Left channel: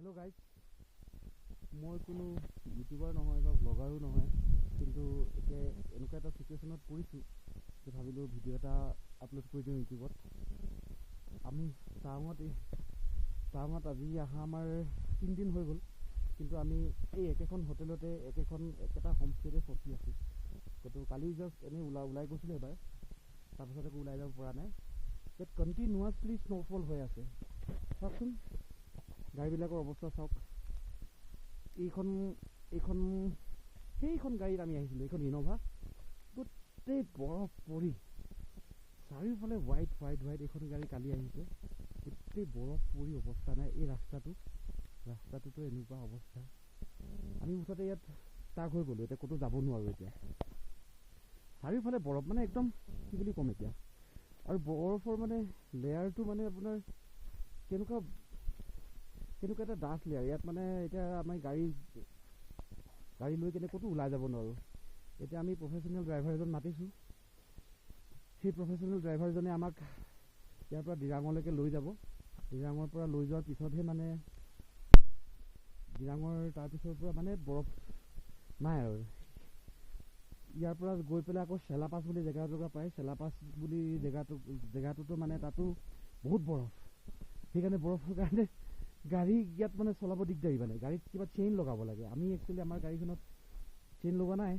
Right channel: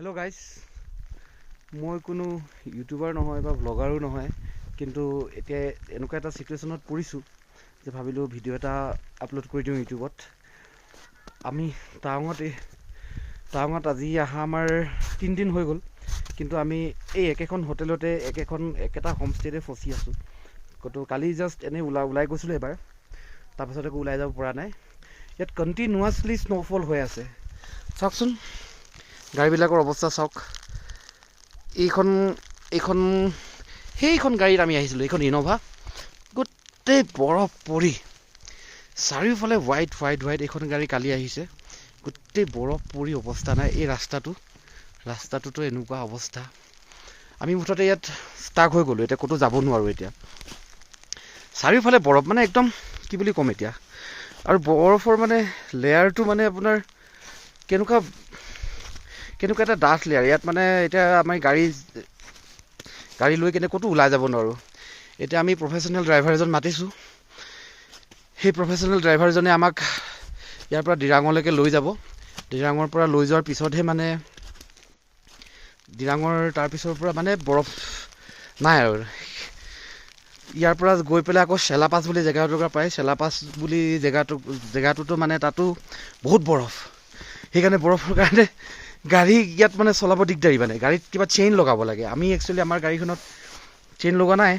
Hello' guys, মই কোনো YouTuber নহয় বা ব্লগাৰো নহয়, কিন্তু এতিয়া এনেকুৱা এটা ছিটুৱেশ্যনত পৰিছোঁ যে ভাবিলোঁ ভিডিঅ' এটা আপলোড কৰি দিওঁ ইউটিউবত। আমি টাৱাঙত আজি অহা আমাৰ 3 দিন হৈ গ'ল, কিন্তু আমি এই একেখন হোটেলতে একেটা হোমষ্টেতে ফচি আছোঁ। কালি জাষ্ট এনেই ওলাই গৈছিলোঁ এবাৰ, তাৰপাছত একো ওলাই যাব পৰা নাই। ইয়াত কণ্টিনিউৱাছলি স্ন'ফল হৈ আছে। চাওকচোন গাড়ীবিলাকৰ অৱস্থা চাওক। সেইখন গাড়ীত আমি আহিছিলোঁ, এইখন ইন'ভা, গোটেই বৰফ পৰি চাৰিওফালে হোৱাইট। এইখন গাড়ী কালি আহিছে, গোটেই বৰফ পৰি অৱস্থা নাই। এই ৰাস্তাটোতো এনেকুৱা অৱস্থা। আমি মুঠতে ইয়াত ষ্টাক হৈ গ'লোঁ, এতিয়া ক'তো যাব নোৱাৰোঁ। এতিয়া চাৰিওফালে বৰফ, মানে একদম কি বুলি ক'ম এতিয়া। আৰু বৰফৰ মানে লেয়াৰটো মানে আপোনাৰ কেনেকুৱা এটা ডাঠ লেয়াৰ। ইয়াত মানে এতিয়া আমি গাড়ী লৈ কেনে ক'তো ওলাই যাব নোৱাৰোঁ। এতিয়া আমি প্ৰফেশ্যনেল ড্ৰাইভাৰ এজন মাতিছোঁ। সেই প্ৰফেশ্যনেল ড্ৰাইভাৰজনে আমাক ইয়াৰ পৰা দিৰাঙলৈকে লৈ যাব। দিৰাঙৰ পৰা লৈ যোৱাৰ পিছতহে মানে তাৰপিছৰ পৰা মানে বৰফ নাই আৰু। ইয়াৰ পৰা গৈ পেলাই আকৌ চেলাপাছ বুলি জেগা এটুকুৰা পায়। চেলাপাছ বুলি জেগাটোতো মানে তাতো বহুত বৰফ। সেইকাৰণে বৰফৰ কাৰণে গাড়ী ইয়াত মানে চলাব দিগদাৰী। মানে গাড়ীত কিবা চেইন লগাব লাগে। আমি একচুৱেলি আমাৰ গাড়ীখনত চেইন লগোৱা নাই।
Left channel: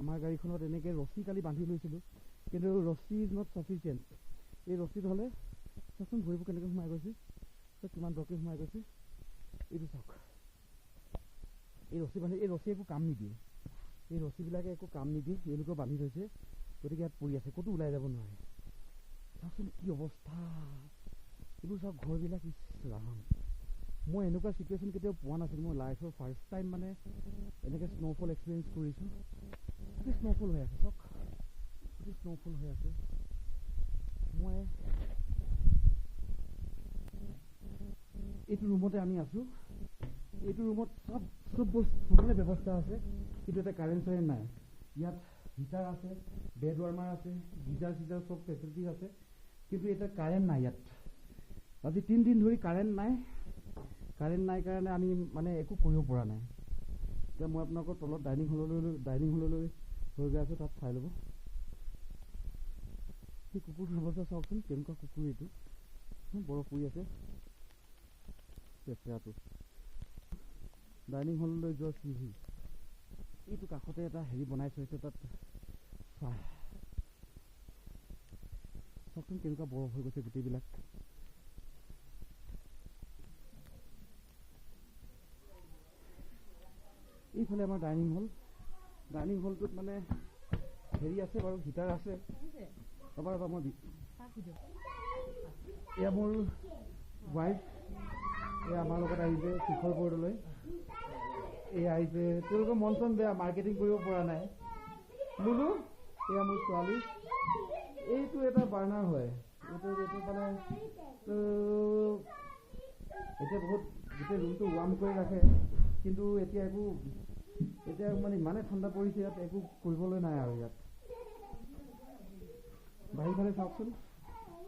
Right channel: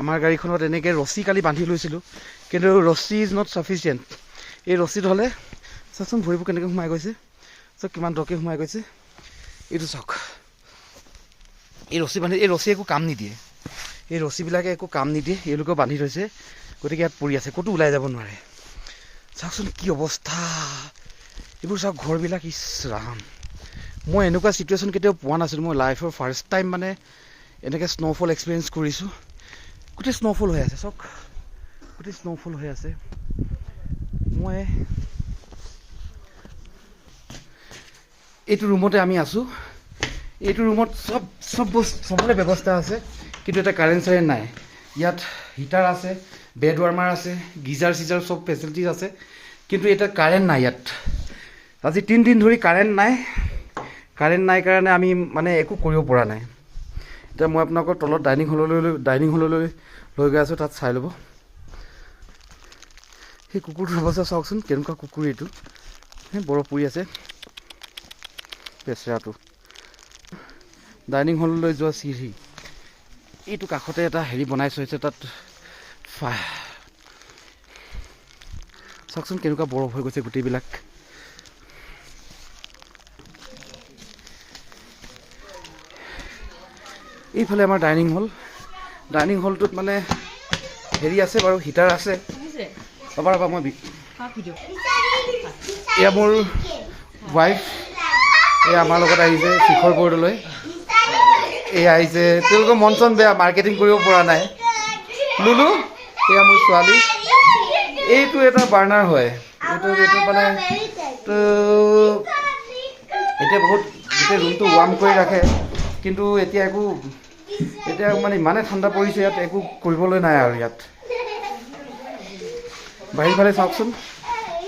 আমাৰ গাড়ীখনত এনেকৈ ৰছী কালি বান্ধি লৈছিলোঁ, কিন্তু ৰছী ইজ নট চাফিচিয়েণ্ট। এই ৰছীত হ'লে চাওকচোন ভৰিবোৰ কেনেকৈ সোমাই গৈছে, চাওক কিমান দৰকৈ সোমাই গৈছে। এইটো চাওক, এই ৰছী একো কাম নিদিয়ে। এই ৰছীবিলাকে একো কাম নিদিয়ে, এওঁলোকেও বান্ধি থৈছে। গতিকে ইয়াত পৰি আছে, ক'তো ওলাই যাব নোৱাৰে। চাওকচোন কি অৱস্থা। এইবোৰ চাওক ঘৰবিলাক, ইছ ৰাম। মই এনেকুৱা ছিটুৱেশ্যন কেতিয়াও পোৱা নাছিলোঁ। মই লাইফৰ ফাৰ্ষ্ট টাইম মানে এনেকৈ স্ন'ফল এক্সপিৰিয়েঞ্চ কৰিছোঁ। গোটেই স্ন'ফল হৈ আছে, চাওক গোটেই স্ন'ফল হৈ আছে। মই এইটো ৰুমতে আমি আছোঁ। এইটো ৰুমত চবৰে ব্যৱস্থা আছে, কিন্তু এটা কাৰেণ্ট নাই। ইয়াত হিটাৰ আছে, বেড ৱাৰ্মাৰ আছে, গিজাৰ চব ফেচিলিটিজ আছে, কিন্তু এতিয়া কাৰেণ্ট নাই। ইয়াত আজি 3 দিন ধৰি কাৰেণ্ট নাই কাৰণে আমি মানে একো কৰিব পৰা নাই। এতিয়া মই আপোনালোকৰ তলত ডাইনিং হললৈ লৈ গৈ আছোঁ, তাত চাই ল'ব। সেই কুকুৰটোৰ অৱস্থা চাওকচোন, কেনেকুৱা কুকুৰ এইটো। বৰফ পৰি আছে বেচেৰাটো। ডাইনিং হললৈ যোৱা চিৰি, এইটো কাষতে এটা হেৰি বনাই থৈছে, তাত চাওকচোন কেনেকুৱা বৰফ হৈ গৈছে গোটেইবিলাক। এইফালে আমাৰ ডাইনিং হলটোত মানে হেৰি আছে বাৰু, হিটাৰ আছে। ৰ'বা মই এয়া মোৰ ৱাইফ, এয়া আমাৰ লগত আহিছে শিখৰ বৰ্ডলৈ। এয়া আহিছে, তেওঁলোকৰ মন চন বেয়া, মাৰ্কেটিং কৰিব পৰা নাই। লুলু, এয়া মোৰ ছোৱালী। এইটো এটা বাৰ্ণাৰ হয়, এইটো মানে এতিয়া গোটেই ৰুমটো ৱাৰ্ম কৰি ৰাখে, কিন্তু এতিয়া মানে ইমানে ঠাণ্ডা পৰিছে, ইয়াত একো কৰিবলৈ নাই আৰু। ইয়াত বাহিৰফালে চাওকচোন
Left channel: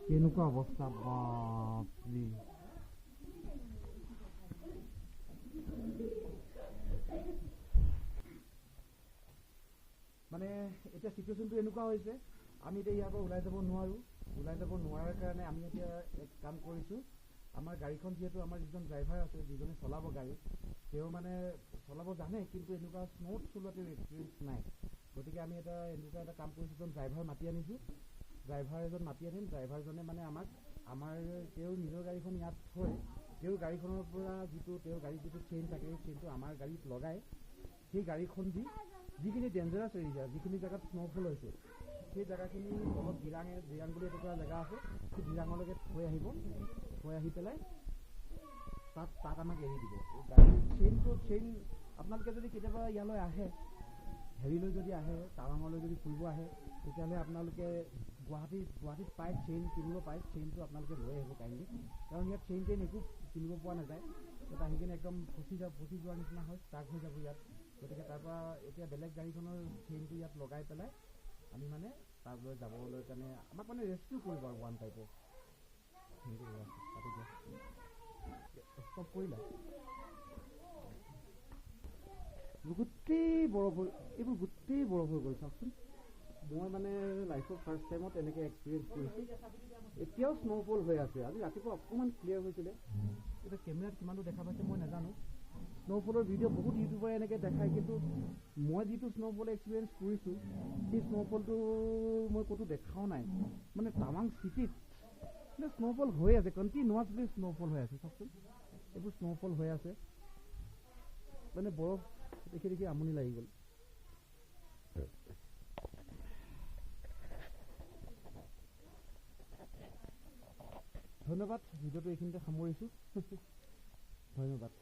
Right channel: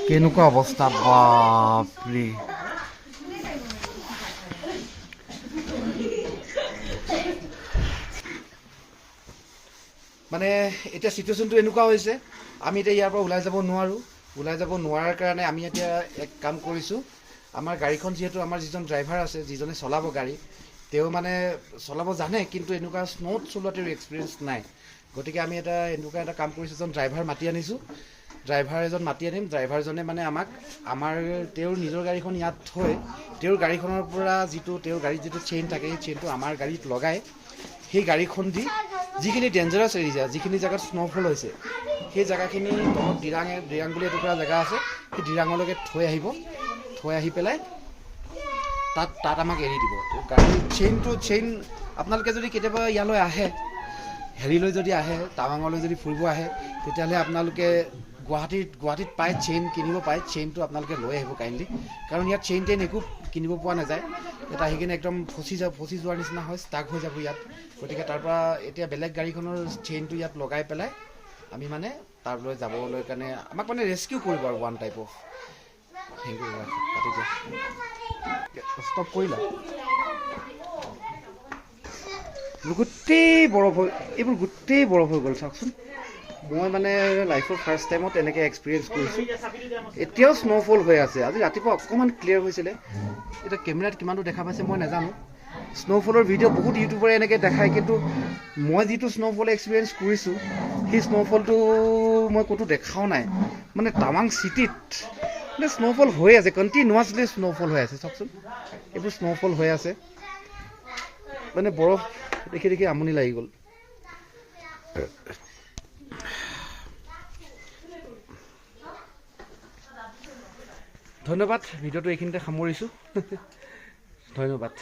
কেনেকুৱা অৱস্থা, বাপৰে। মানে এতিয়া ছিটুৱেশ্যনটো এনেকুৱা হৈছে, আমি এতিয়া ইয়াৰ পৰা ওলাই যাব নোৱাৰাৰ কাৰণে আমি এতিয়া এক কাম কৰিছোঁ। আমাৰ গাড়ীখন যিহেতু আমাৰ যিজন ড্ৰাইভাৰ আছে, যিজনে চলাব গাড়ী, তেওঁ মানে চলাব জানে, কিন্তু এনেকুৱা স্ন'ত চলোৱা তেওঁৰ এক্সপিৰিয়েঞ্চ নাই। গতিকে আমি এনেকুৱা এটা কাম কৰিছোঁ, এজন ড্ৰাইভাৰ মাতি আনিছোঁ। ড্ৰাইভাৰজনে মানে তেওঁৰ নিজৰ গাড়ীখন ইয়াত থৈ, তেওঁৰ গাড়ীখনৰ পৰা তেওঁৰ গাড়ীত যিটো চেইন থাকে, সেই চেইনটো আমাৰ গাড়ীত লগাই, সেই গাড়ীখন দি যিখিনি ডেঞ্জাৰাছ এৰিয়া, যিখিনি জেগাত স্ন'ফল হৈছে, সেই জেগাখিনি তলত দিৰাং বুলি এটুকুৰা জেগা আছে, সেই দিৰাঙলৈকে থৈ আহি পেলাই তাত আমাক এৰি দিব। গাড়ীৰ চেইন আপোনালোকে যদি কেতিয়াবা ইয়ালৈ আহে, হেৰিলৈ যদি আহে, টাৱাঙলৈ যদি ফুৰিব আহে, তেতিয়াহ'লে আপোনালোকে গুৱাহাটীত পায়, চেইন কিনিব পায়। চেইনটো আপোনালোকে লৈ আহিব কাইণ্ডলি, কাৰণ ইয়াত চেইন একো কিনিব পোৱা নাযায়। ইয়াত আহি কিনে একদম ফচি যোৱাৰ নিচিনা হয়, ষ্টাক হৈ যাব ইয়াত। গতিকে তাৰ পৰা এতিয়া বেলেগ গাড়ীখনৰ চেইনটো ইয়াত লগাই পেলাই আমি মানে তাৰলৈ যাবলৈ কাৰণে আমাক মানে ৰেস্কিউ কৰিব আৰু one type of. Thank you, কাটি দিয়া, ষ্টপ কৰিলা। গোটেই বৰফ হৈ এইবোৰ গোটেই বৰফ হৈ গ'ল চাওকচোন মই মানে লাইফৰ ফাৰ্ষ্ট টাইমত এনেকৈ এক্সপিৰিয়েঞ্চ কৰিছোঁ এতিয়াও স্ন'ফল হৈ আছে আজি ৰাতিপুৱা অকণমান ক্লিয়াৰ হৈছিলে এতিয়া কেমেৰাত কিমানটো দেখা পাইছে মই নাজানো স্ন'ফলৰ ভিডিঅ' বহুত ইউটিউবাৰে এনেকৈ দেখায় কিন্তু মই যিটো স্ন'ফল এক্সপিৰিয়েঞ্চ কৰিছোঁ সেই স্ন'ফলটো মই ক'তো দেখাও নাই মানে টাৱাং চিটিত মানে স্ন'ফল হৈ আছে কণ্টিনিউৱাছলি স্ন'ফল হৈ আছে চাওকচোন এইবোৰ স্ন'ফল হৈ আছে মানে বৰফ দেখি দেখি আমনি লাগি গ'ল ধন্যবাদ ভিডিঅ'টো এইখিনিতে সামৰিছোঁ ধন্যবাদ